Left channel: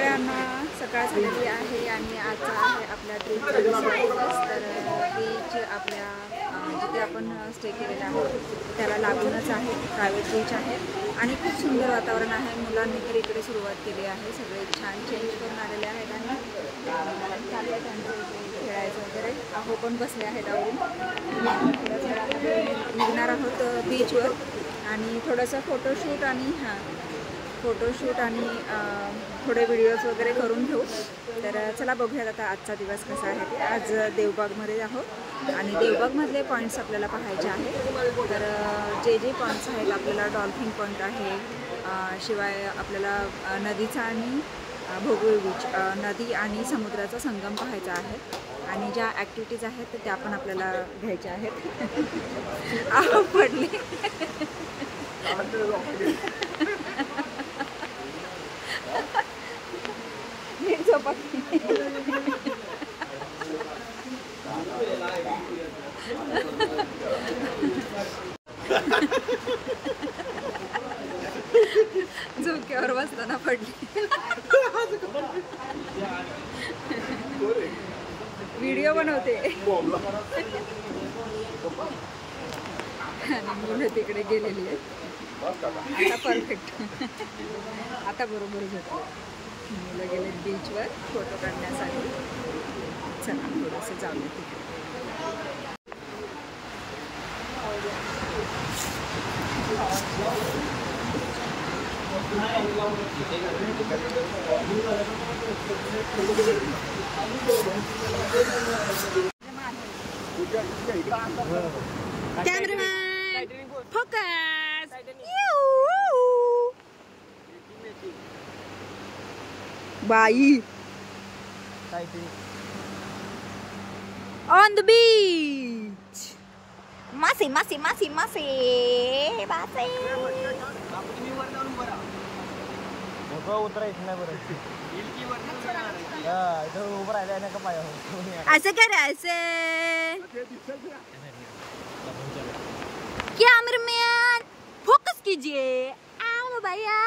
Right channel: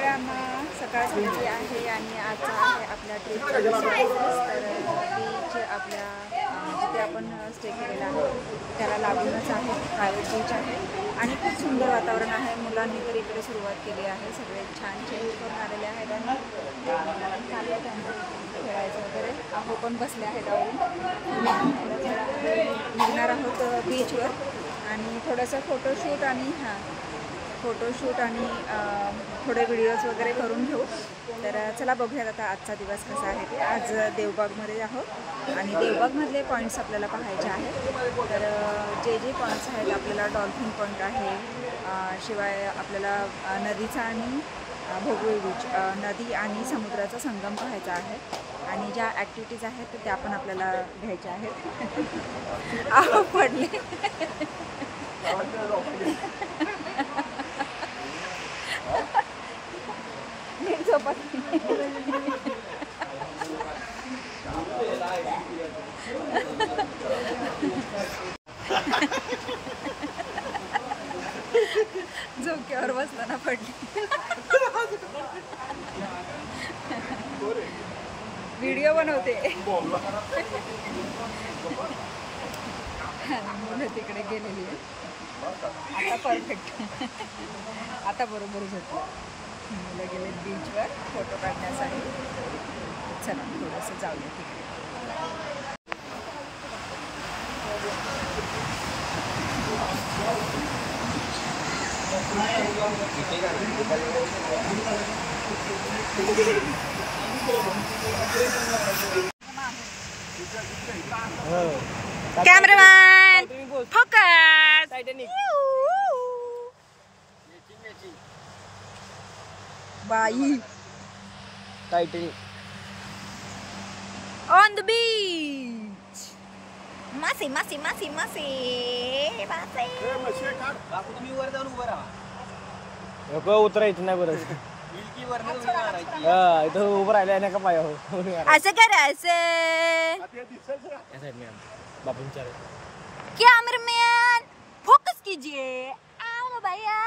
सगळ्यांना सकाळ झालेली आहे आणि आजचा आहे आपल्या ट्रिपचा दुसरा दिवस. तर बीच आपल्या जिथे आपण स्टे केलेला आहे त्याला लागूनच आहे, प्रायव्हेट बीच आहे आणि खूप सुंदर वातावरण आहे. मुलांनी तर इकडे सुरुवात केली आहे, सगळे छान चेंज करून आलेले आहेत आणि चाललं त्यांचं इथे खेळायचं वगैरे. आहो पण बसले आहेत आवरून. थोड्याच वेळामध्ये निघणार आहोत बीचवर आणि थोडंसं फोटोशूट आणि थोडे व्हिडिओज वगैरे करून घेऊ. तर चला बघूयात आता आजचा दिवस कसा आहे ते. आज देवबागमध्ये आहोत आणि देवबागमधले पॉईंट्स आपल्याला पाहायचे आहेत. तर जे पॉईंट्स आहेत आपल्याला डॉल्फिन पॉईंट आहे, शिवाय आपल्याला नदीचा आणि भोगवे बीच, नदी आणि समुद्राचा संगम पाहायचा आहे आणि ज्या ॲक्टिव्हिटीज आहेत त्या पण आपल्याला घ्यायच्या आहेत. आहो पडले नीट झोपा. झोक्यावर बसताना पडली. व्हिडिओ बनवते आणि मुलं तिकडे गेलेली आहेत. आता परफेक्ट, आता बरोबर झोपलं. मुलं गेले बीचवर फोटो काढण्यासाठी. चला थोडंसं जाऊया तिकडे. Cameraman focus. बाई ऑन द बीच. मासे मासे मासे मासे मासे. नको उतरायचं नाही बरं. इथं उभं राहिलं नाही का पायावर. असं करायचं. कॅमेरामॅन फोकस कीजिए. आओ भैया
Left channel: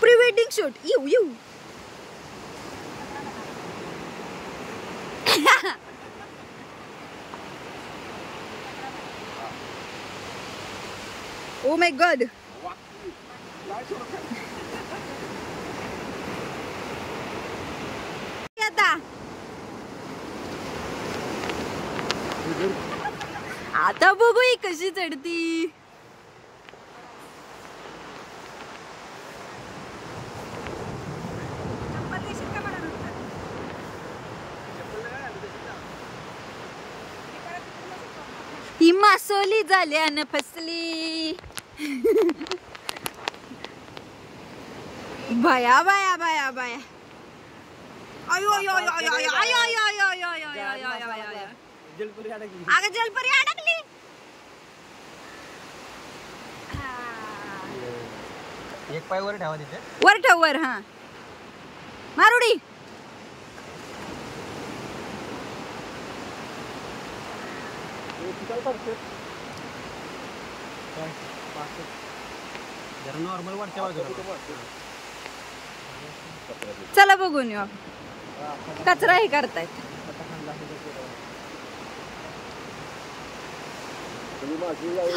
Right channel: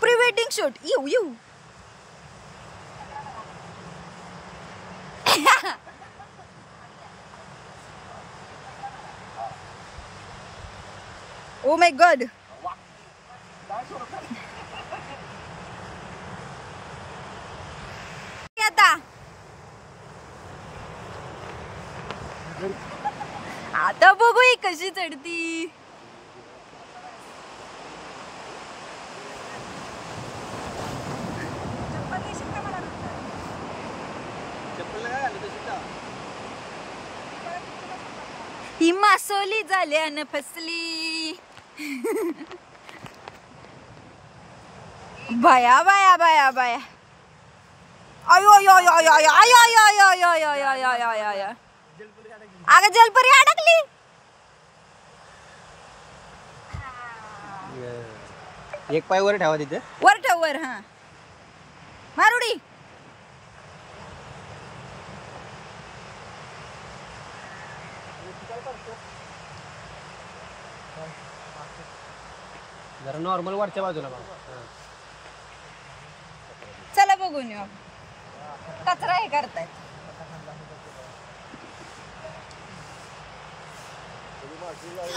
pre wedding shoot. You oh my God. आता बघू ही कशी चढती. ही मासोली झाल्यानं फसली. बाया बाया बाया बाया. अयो यो यो यो यो अयो यो यो यो यो यो यो यो यो यो. अगं जलपरी अडकली. एक पाय वर ठेवा तिथे. वर ठेव वर. हा मारुडी. जरा नॉर्मल वरच्या बाजूला. चला बघून येऊ. कचरा हे करतायत.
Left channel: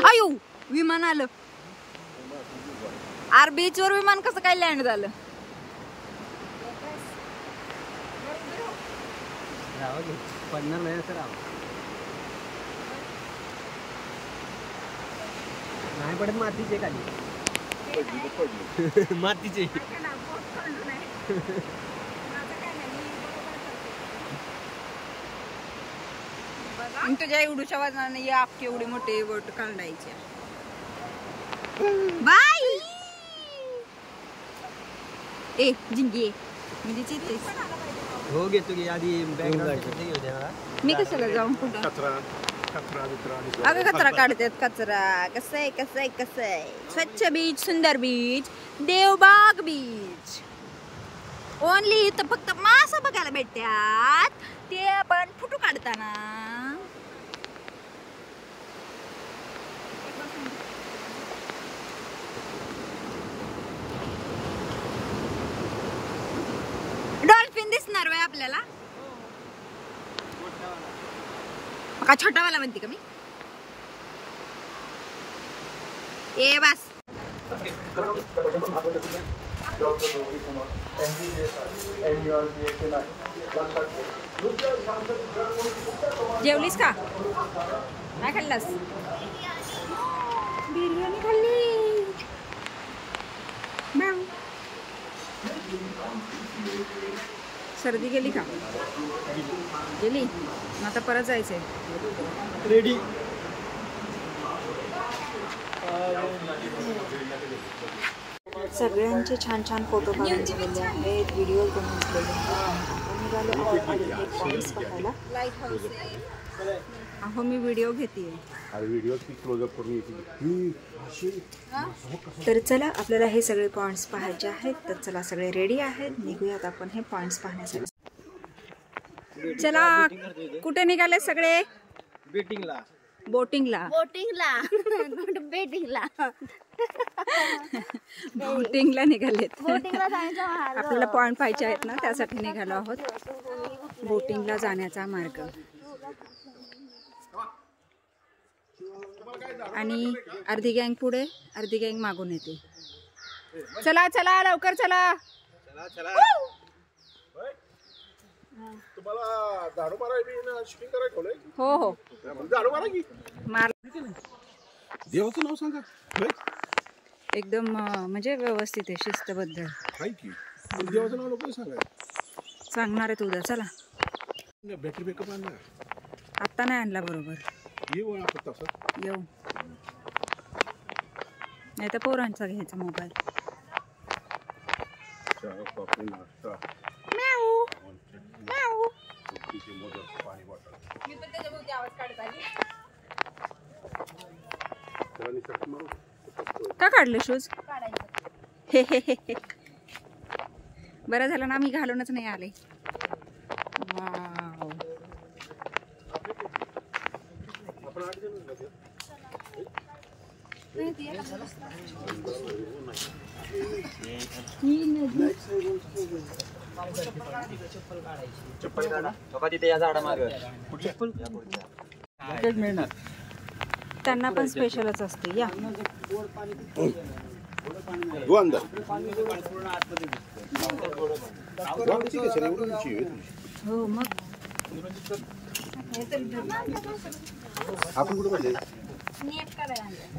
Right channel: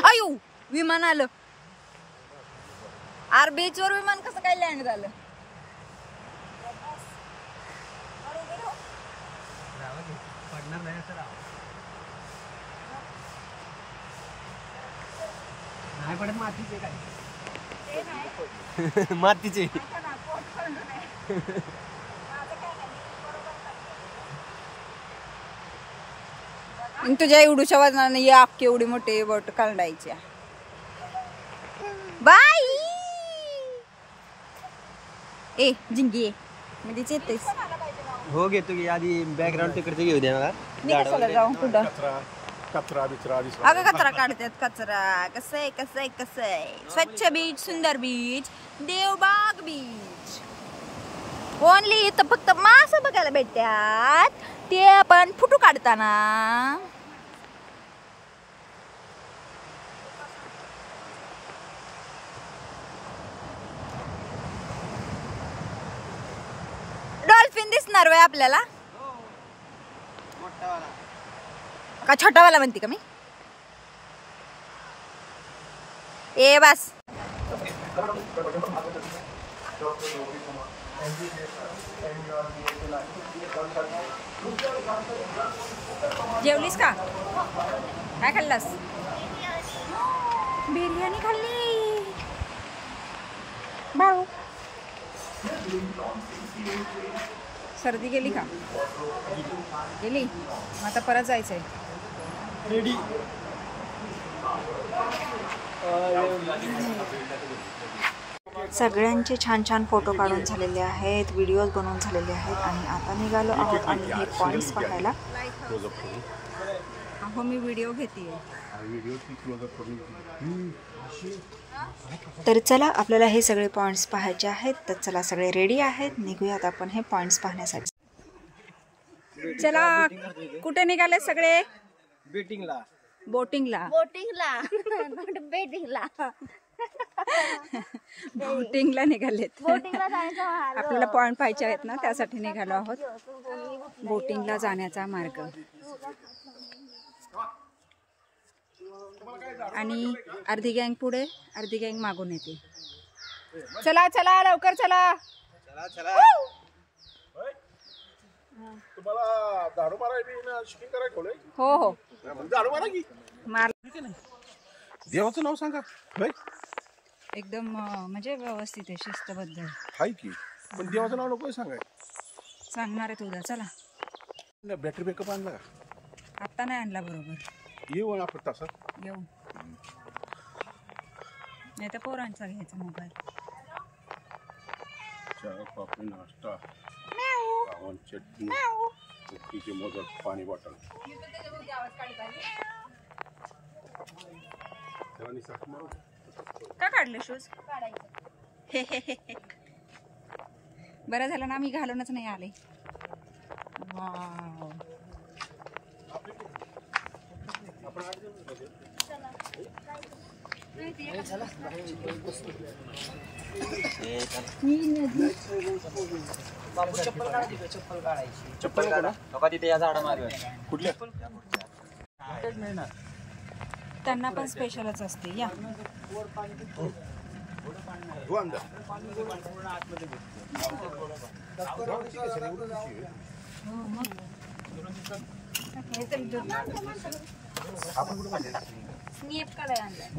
आयु विमान आलं. आर बीच वर विमान कसं काय लँड झालं. पडणार नाही असं. नाही पडत. मातीचे खाली. मातीचे. तुझ्या एवढूच्या वजनाने या केवढी मोठी बोट काढायची. बाई ए जिंगी म्हणजे चेतेस. हो घेतो की आधी बॅकग्राऊंड तिकडे घेऊ द्या मला. मी कशाला जाऊन कुठं. अगं कचरा काढतात. कचरा कसं आहे. स्वच्छ बीच, सुंदर बीच, देवबाग बीच. ओनली इथं फक्त मासे बघायला भेटतात, ते पण फोटो काढताना. आणणार वय आपल्याला का छोटावाला म्हणते का मी ए बस जेवलीस का काय खाल्लास बिर्याणी खाल्ली भाऊ सर्दी गेली का गेली मग आता परत जायचंय रेडी सगळ्यांचे छान छान फोटो काढून झालेले आहेत व्हिडिओज बनवून झालेले आहेत आणि आता निघालो आहोत आणि हे पॉइंट्स पाहायला अहो मी व्हिडिओ घेते तर चला आपल्याला हे सगळे पॉइंट्स पाहायचे आहेत तर चला सगळे रेडी आहेत निघूयात आपण हे पॉइंट्स पाहण्यासाठी चला कुठे निघाले सगळे बेटिंगला बोटिंगला बोटिंगला निघालेत आपल्याला पॉइंट पाहिजे आहेत ना त्यासाठी निघालो आहोत बोटिंगला जाण्याचा मार्ग आणि अर्धी गँग पुढे अर्धी गँग मागून येते चला चला लवकर चला तुम्हाला दारू मारायला शूटिंग करायला ठेवलंय हो हो दारू मारा की मार देवाचं नाव सांगा एकदम म्हणजे व्यवस्थित आहे शिस्तबद्ध हाय की पण देवाचं नाव नको सांगाय सांगणार आहे उद्या चला बॅटरी बॅकअप आणला आत्ता नाही आणला बरोबर येऊ आपण तसा येऊ नाही तर पोरांचा घ्यायचा मोबाईल चहा कॉफी नाश्ता चटणी कुट्टीचे मोदक पाणी बॉटल त्याला निसर्ग मारू का काढले शूज हे बरं झालं ना मी घालूनच नाही आले वाव आपण आठ जण चप्पल काढा तिथे या झाडा मागे त्यांना पण स्पेशलच असते या हो मग आपण कुठे पाहिजे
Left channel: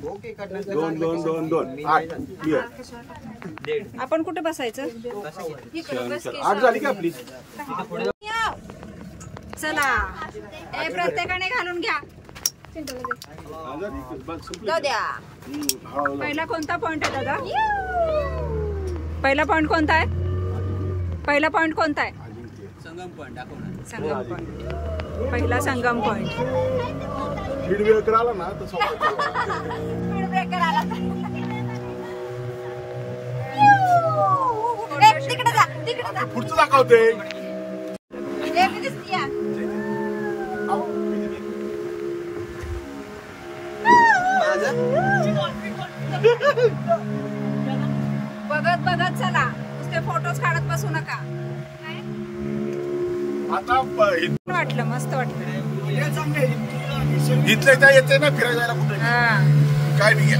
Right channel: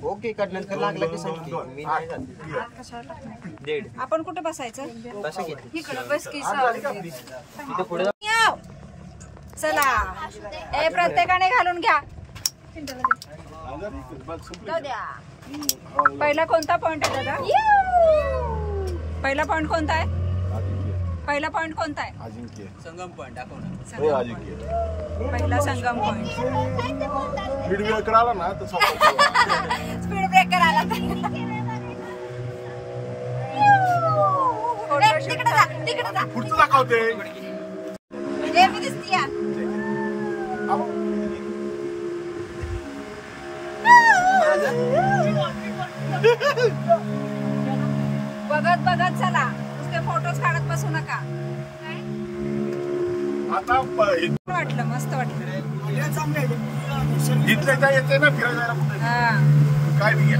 ओके आपण कुठे बसायचं चला ए प्रत्येकाने घालून घ्या पहिला कोणता पॉइंट आहे दादा पहिला पॉइंट कोणता आहे पहिला पॉइंट कोणता आहे संगम पॉइंट दाखवणार संगम पॉइंट पहिला संगम पॉइंट स्पीड ब्रेकर आला ना तर संपत स्पीड ब्रेकर आला तिकडे जा पुढचं दाखवते मी दिसतीये बघत बघत चला नुसते फोटोज काढत बसू नका आता वाटलं मस्त वाटलं इथलं येते ना फिरायला कुठे हा काय नाही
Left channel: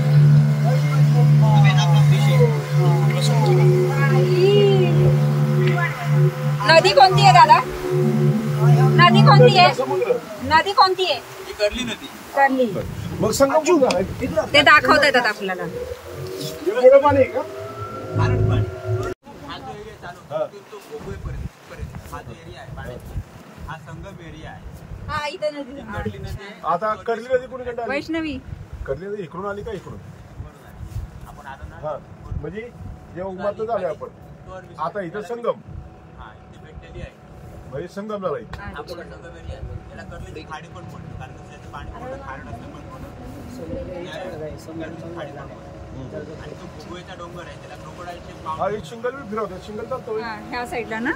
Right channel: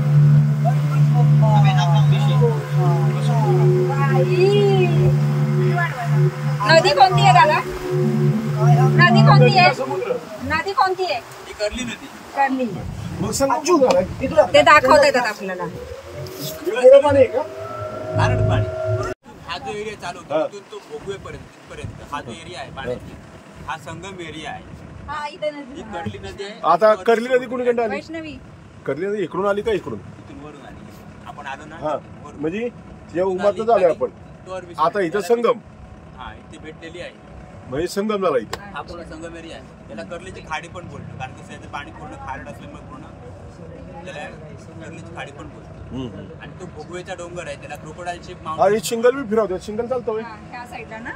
नदी कोणती आहे दादा नदी कोणती आहे नदी कोणती आहे कर्ली मग सांगा ते दाखवता येतात आपल्याला पाणी आहे का हा जो एरिया चालू होता तिथून तो भोगवेपर्यंत हा जो एरिया आहे पाण्याचा हा संगम एरिया आहे कर्ली नदी आहे आता कर्ली नदी कोणी कंटा आली वैष्णवी कर्ली नदी इकडून आली का इकडून तिथून वरून आली आपण आलो ना हा म्हणजे या उमातच आले आपण आता इथं संगम हा इथे भेटलेली आहे म्हणजे संगम झाला इथे हा पूर्ण संगम एरिया आहे त्याला कर्लीची खाडी पण बोलतो कारण कसं याचं पाणी पूर्ण खारट असल्यामुळे पूर्ण कर्लीची खाडी पण बोलतो आणि तो भोगवेचा डोंगर आहे त्याला क्रोकोडाईलचे आणि शिंगल बी फिरवते शिंगल चालतो ह्या साईडला ना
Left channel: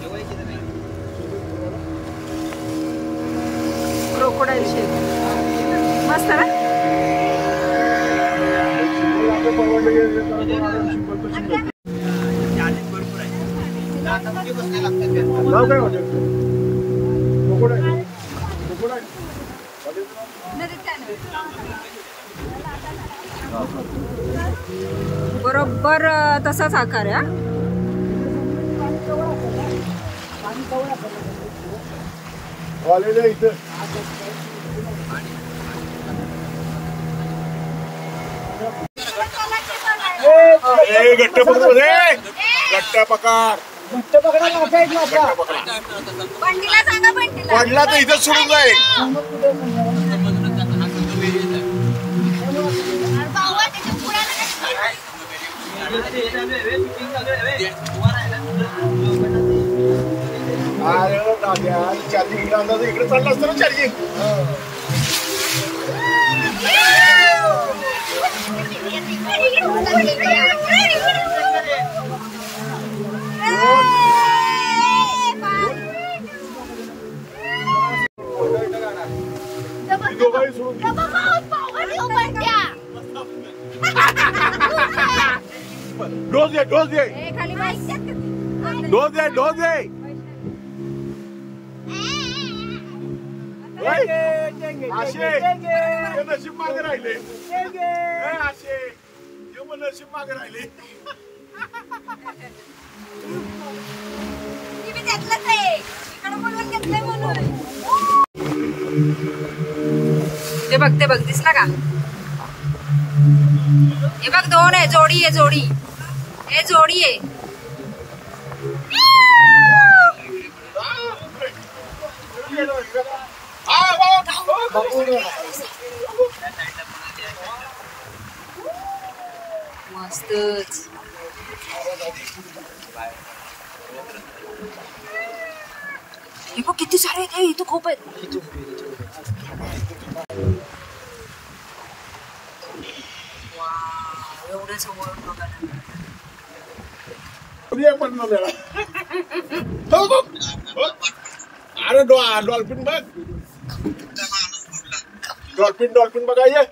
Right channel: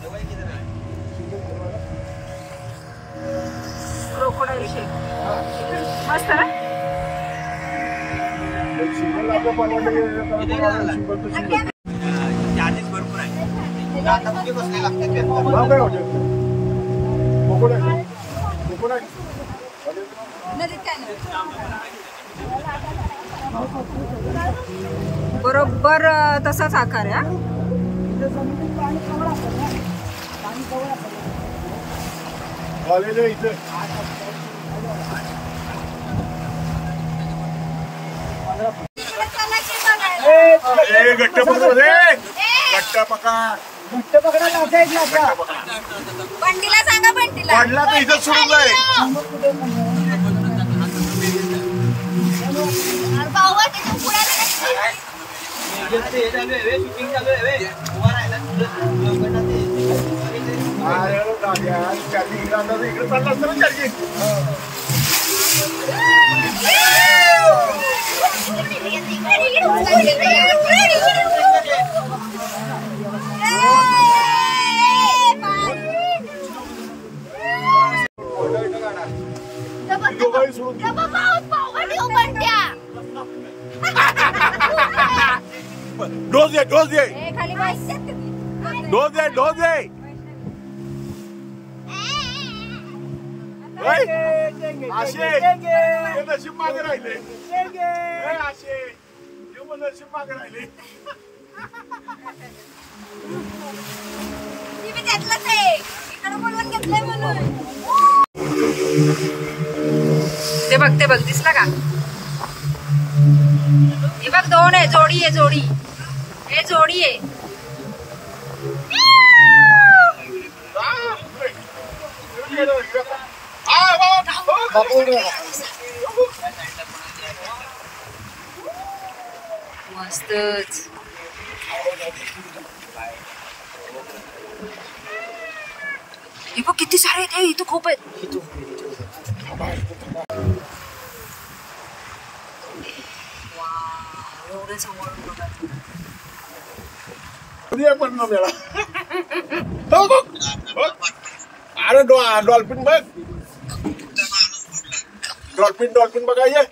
तेव्हाही किती आहे क्रोकोडाईल शेप मस्त ना चार्जेस भरपूर आहे नाव काय हॉटेल? मुकुट आहे? मुकुट आहे? हॉटेलचं नाव? बरोबर तसाच आकार आहे. वालेलं इथं गट्ट पकड गट्ट पकड पडला तर इथं सुरू नाही. इकडे पडला असतं ना चार्जिंग. डोस दे डोस दे डोस दे डोस दे. नशीब मागे राहिले नशीब मागे राहिले. ते बघ दिसला का? हे बघ 2 आहे. जोडी आहे जोडी. हे जोडी आहे. मस्तच. हे बघ किती सारे आहेत. इथं खूप आहेत. एवढं समोरून बघायला अरे डॉल्फिन बघ. डॉल्फिन बघा. ये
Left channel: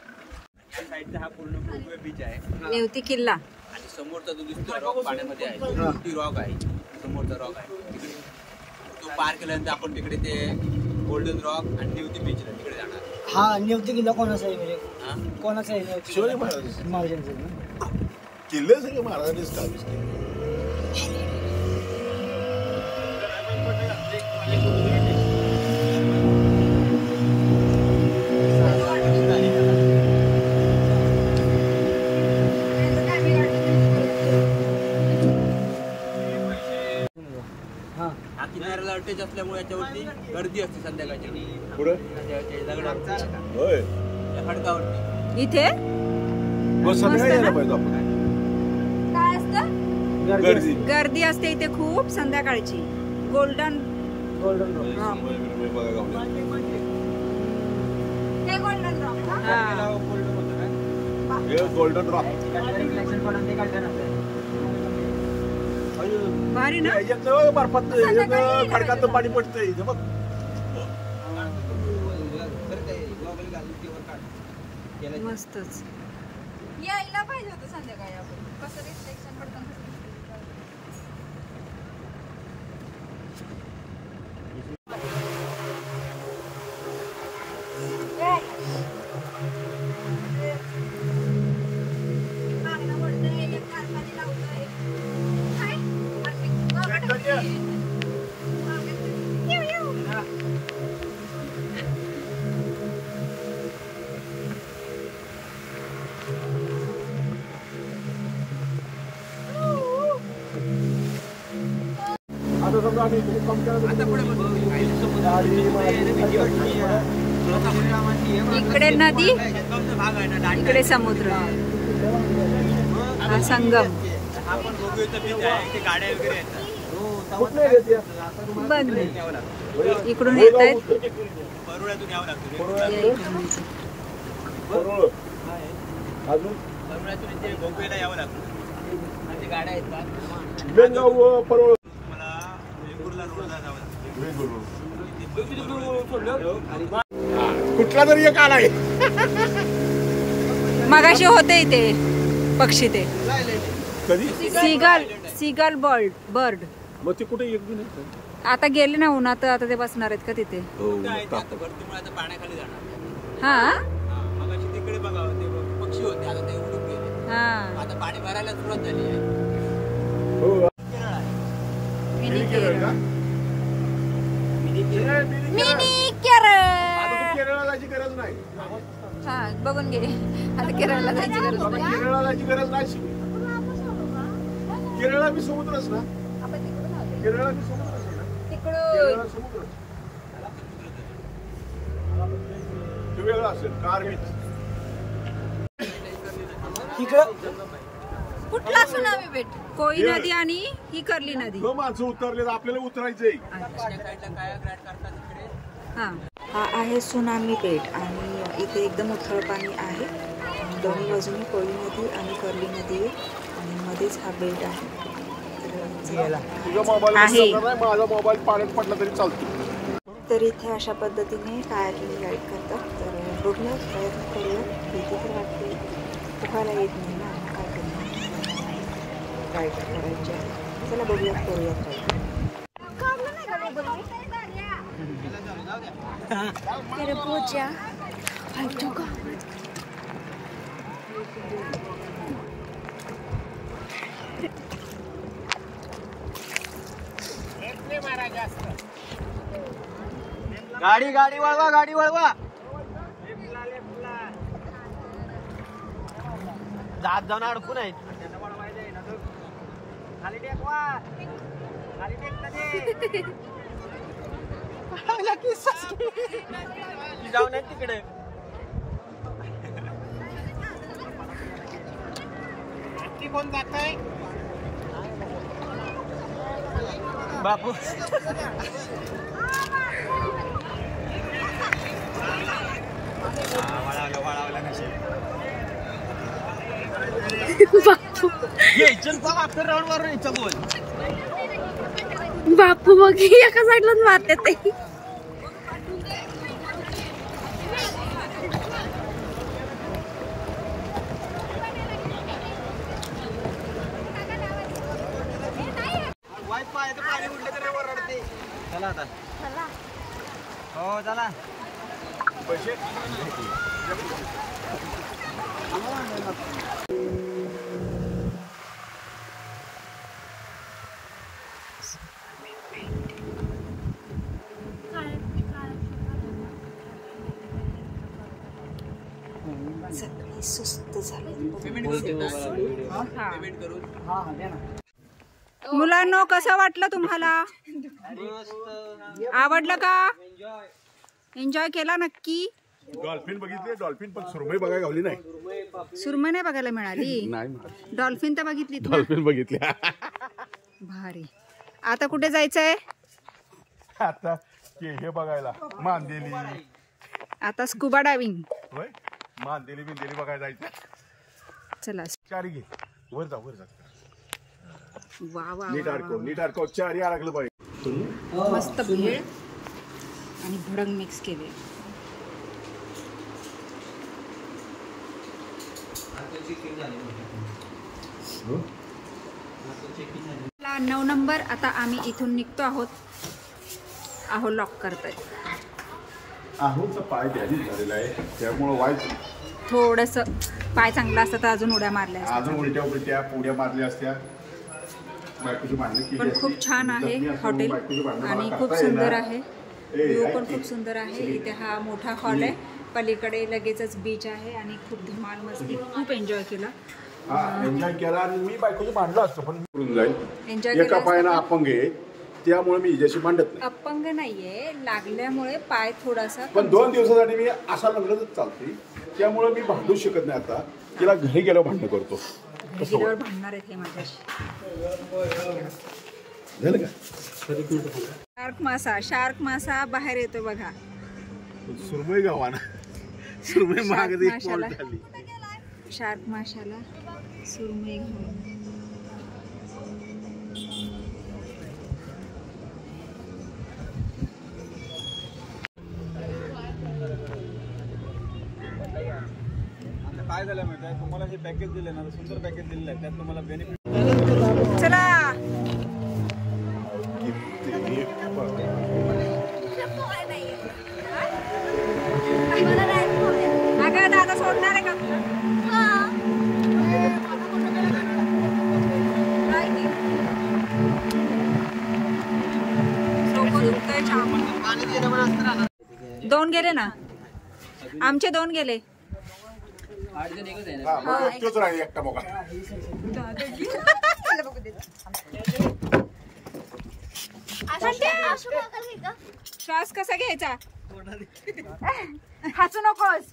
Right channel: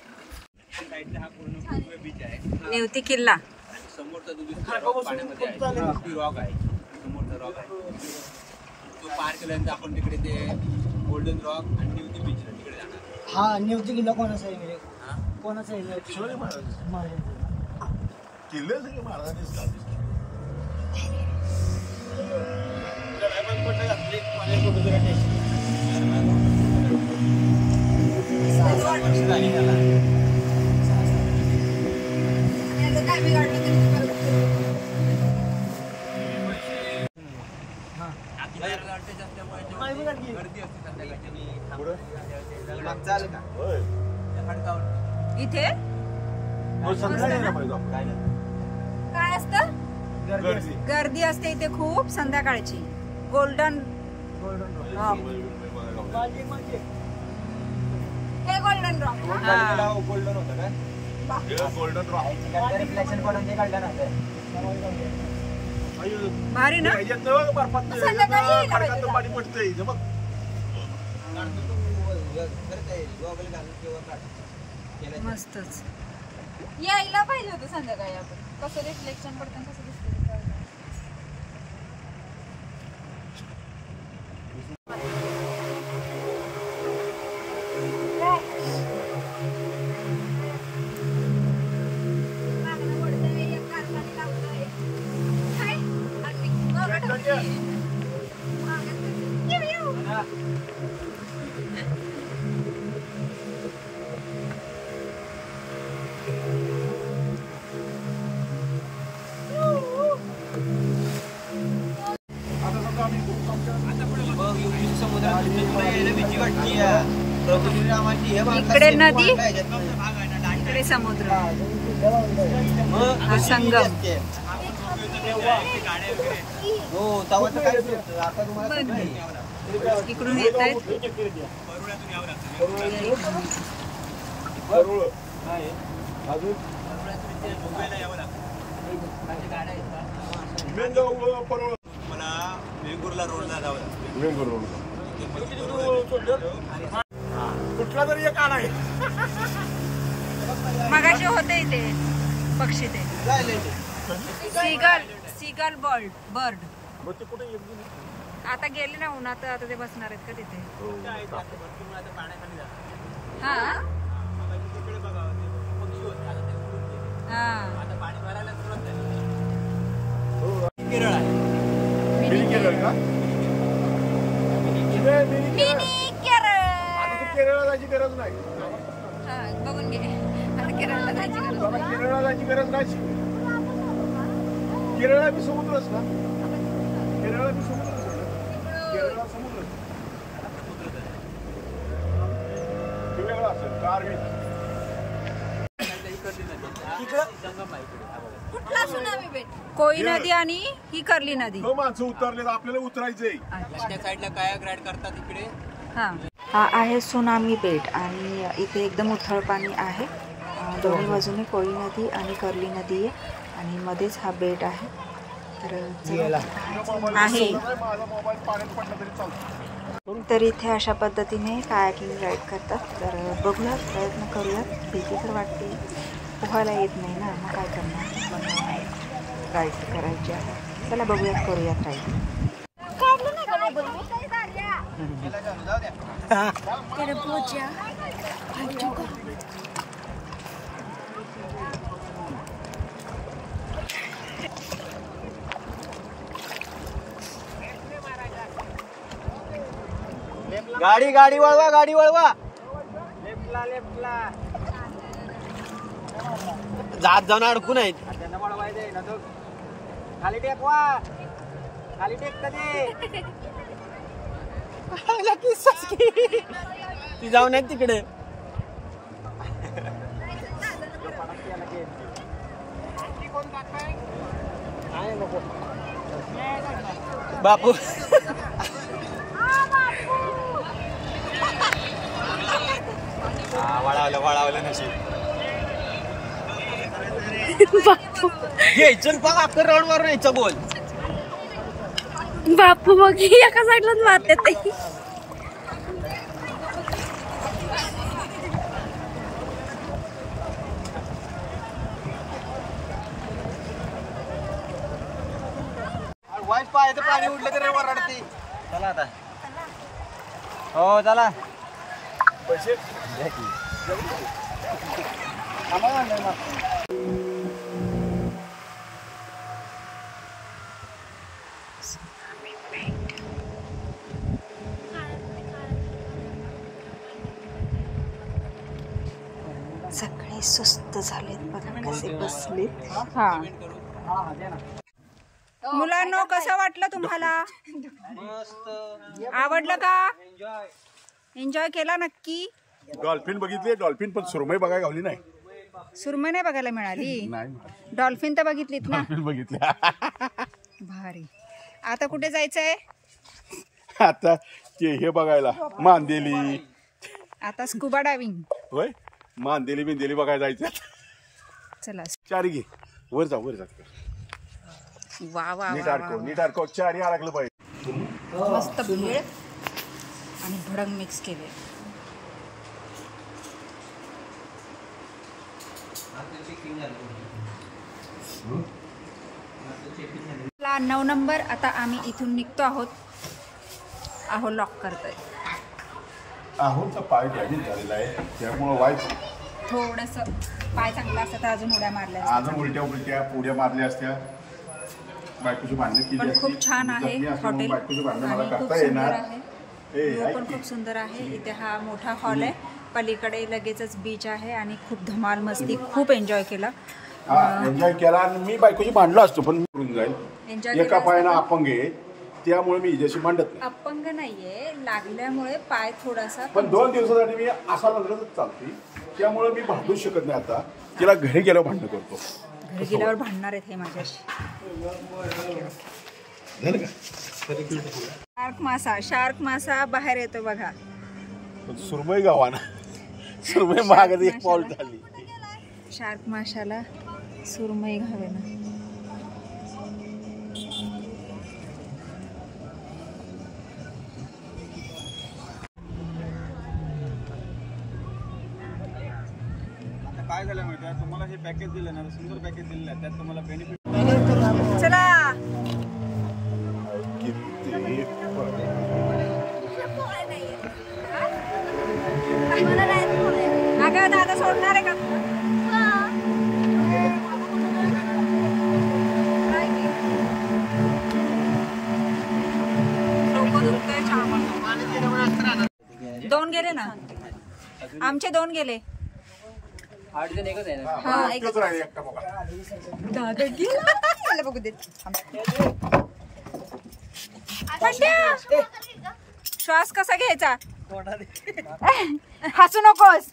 साईडचा हा पूर्ण भोगवे बीच आहे. नेवती किल्ला. आणि समोरचा जो दिसतो रॉक पाण्यामध्ये आहे तो रॉक आहे. समोरचा रॉक आहे तो पार केल्यानंतर आपण तिकडे ते गोल्डन रॉक आणि नेवती बीच तिकडे जाणार. हा नेवती किल्ला कोणाचा आहे म्हणजे कोणाचा आहे नेवती? शिवाजी महाराजांचे किल्ले सगळे महाराजांनी स्थापित केले. असल्यामुळे याच्यावरती गर्दी असते संध्याकाळची. इथे काय असतं? गर्दी असते इथे खूप संध्याकाळची. Golden rock. हे गोल्डन रॉक. हा भारी ना. पाणी पडतंय. मस्तच. यायला पाहिजे होतं संध्याकाळी. कसं रिफ्लेक्शन पडतं. इकडे नदी, इकडे समुद्र. हा संगम. बघ इकडून येत आहेत. कुठला तरी एक आलाय. मगाशी होते इथे पक्षी. ते सीगल बर्ड. मग ते कुठे एक बी नाही. आता गेले ना उन्हात, आता ते बसणार आहेत का तिथे? आता पाण्याखाली जाणार. हा मगाशी तिकडे बघा ते पक्षी होते, आता ते उडून गेले. हा आता पाणी भरायला सुरुवात झाली आहे. केरळ आहे. Mini Kerala. Mini Kerala. Mini Kerala. आता तू केरळला जायची गरज नाही. हा बघून गेले. आता केरळला जायची गरज बाबा नाही. केरळला जायची गरज नाही. केरळला बी समुद्रच ना. केरळला बी समुद्रच आहे ना. केरळला समुद्र वेगळं असेल. कारवीत कुठला सुनामी बेट? कोई नदी आणि ही कर्ली नदी. हो, माणसं उतरले तर आपल्याला उतरायचंय. त्या साईडला काया ग्राईड करतात इकडे. हा आहे सुनामी बेट आणि इथे एकदम उथळ पाणी आहे. दोन्ही बाजूने कोळी नदी आणि कर्ली नदी आहे आणि मध्येच हा बेट आहे. तर तुझा मोबाईल आहे. माझा मोबाईल पाण्यात पडला तरी चालतो. तर इथे अशा पद्धतीने कायाकिंग राईड करतात. तर बघूयात, प्रयत्न करूयात. भीती तर वाटते, पोहायला येत नाही ना, मग काय करणार, पण राईड करायची आहे. चला बघूयात, करूयात राईड. गाडी गाडी वळवा, गाडी वळवा. जात जाऊन अडकून आहेत. खाली टेकवा, खाली टेक कधी ती जाऊन आहेत तिकडे. बापू वळावलं वळावलं नशीब. घ्यायचं बघ, आपण राऊंड मारून यायचं. बोल बापू बघ, एका साईडलाच मारते ते. वाईट पाय पाणी उडलं तर वरडते. चला आता. हो चला. पैसे सगळे सुस्त झालेत, बघा कसे बसलेत. हा मुलांनो, कसं वाटलं तुम्हाला? आवडलं का? एन्जॉय केला नक्की? डॉल्फिन बघितली. डॉल्फिन पण सुरमई बघायला गावली नाही. सुरमई नाही बघायला मिळाली. नाही, डॉल्फिन तर बघितली. डॉल्फिन बघितल्या. भारी. आता कुठे जायचंय? आता ते हे बघायला मांदेली. आता स्कुबा डायव्हिंग. होय, मांदेली बिंदेली बघायला जायचं. चला. चारी घे, वर जा, वर जा. वा वा नीट वा अडकव, नीट अडकव. चारी अडकलं पाहिजे. मस्त भेळ आणि भडंग मिक्स केले. 9 नंबर. आता आम्ही इथून निघतो आहोत. आहो लॉक करतोय. आहोचा पाय डॅमेज झालेला आहे, त्यामुळं व्हायचं थोडस पाय चांगला असता तर अजून उड्या मारल्या असत्या. अजून उलट्या उलट्या उड्या मारल्या असत्या. बायकोची भांडणं केली. पण खूप छान आहे हॉटेल आणि खूप सुंदर आहे. व्ह्यू पण खूप सुंदर आहे. इथे हा मोठा हॉल आहे, पलीकडे लगेचच बीच आहे आणि खूप धमाल मस्ती, खूप एन्जॉय केला. एन्जॉय केला. आणि मी बायकोची भांडलो असतो पण करून जाईल. एन्जॉय एका पायानं अपंग आहे, त्यामुळे मी हिच्याशी भांडत नाही. अपंग नाहीये, लागल्यामुळे पाय थोडासा. पण 2 दिवसासाठी मी असा लग्नच चालतोय, त्यामुळे मी भांडू शकत नाही. आता तिला घरी गेल्यावर भांडण करतो. घरी गेल्यावर भांडणार आहेत हे माझ्याशी. झालं का? शार्क मासा बाहेर येतो बघा. सुरमई गावाना सुरमई मागत एक पाऊल झाली. शार्क माशाला सुरमई घावेना. आता काय झालं माहिती आहे तुम्हाला, हे पॅकेज दिलं ना, सुंदर पॅकेज दिलेलं आहे, त्यात तुम्हाला बेनिफिट. चला 2 गेले ना, आमचे 2 गेले. तेच राहिले एकटा बघा. श्वास कसा घ्यायचा? हसू नकोस.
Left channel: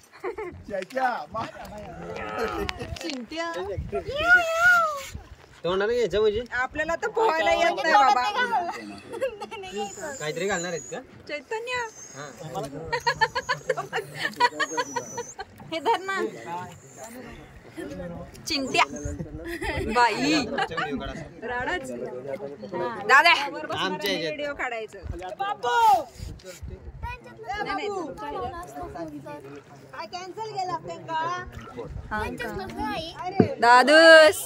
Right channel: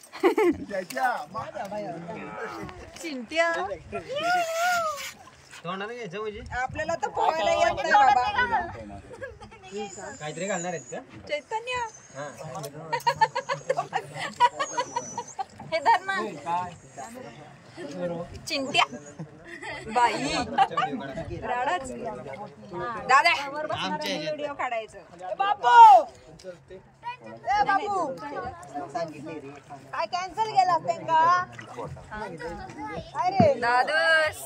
चिंट्या तोंडाला घ्यायचं म्हणजे आपल्याला तर पोहायला येत नाही बाबा. काहीतरी घालणार आहेत का? चैतन्य हे धर ना. चिंट्या बाई राडाच. दादा व्हिडिओ काढायचं. बापू काय कॅन्सल केला त्यांना? दादूस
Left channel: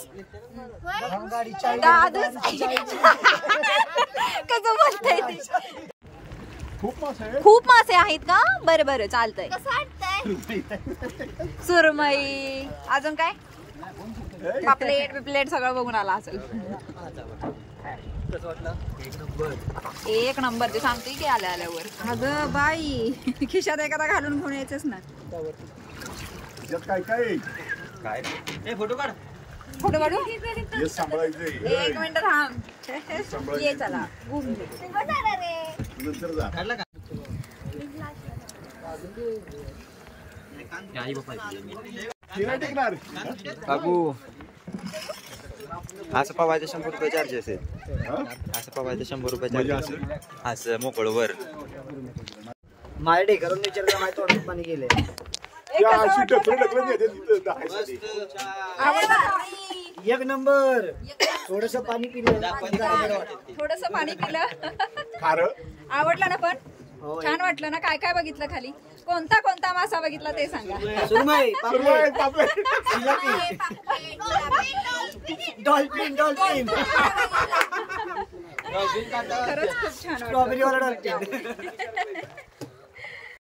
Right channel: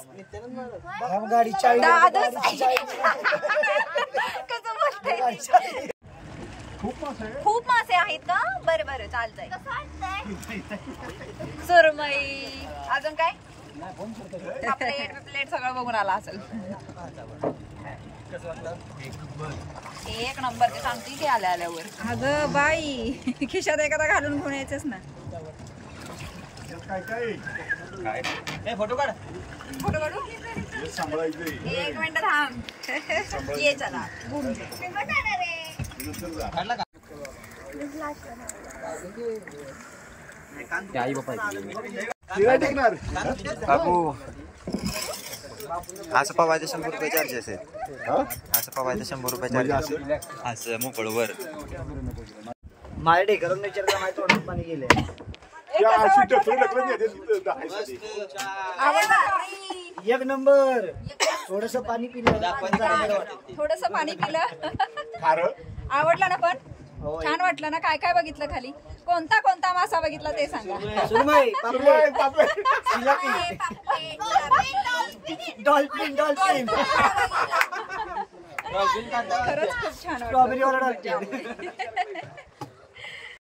दादूस कसं बोलतंय? खूप मासे आहेत का? बरं बरं चालतंय. सुरमई अजून काय? प्लेट सगळं बघून आला असेल. एक नंबर. तू सांगते की आल्यावर. अगं बाई खिशात एखादा घालून घेऊन यायचंच ना. काय फोटो काढ. फोटो काढू? हे सांभाळायचं. 1 मिनिट थांब. ये चला घुम दे. नंतर जा. काढला का? आई बापा तिला टिकणार. काकू असं पवायचं 100 रुपये चार्जेस आहेत. असं पवायचं 100 रुपये चार्जेस. असं मोकळवर माझ्या ढेकरून विचारला माहिती तोंडात पाणी गेले. एक नंबर. थोडस पाणी पिलं. थोडस पाणी पिलं. आवडलं ना? पण छान वाटलं ना? काय काय बघितलं खाली? कोणता मासा बघितला ते सांगा. सुरमई, डॉल्फिन. खरंच खूप छान वाटलं.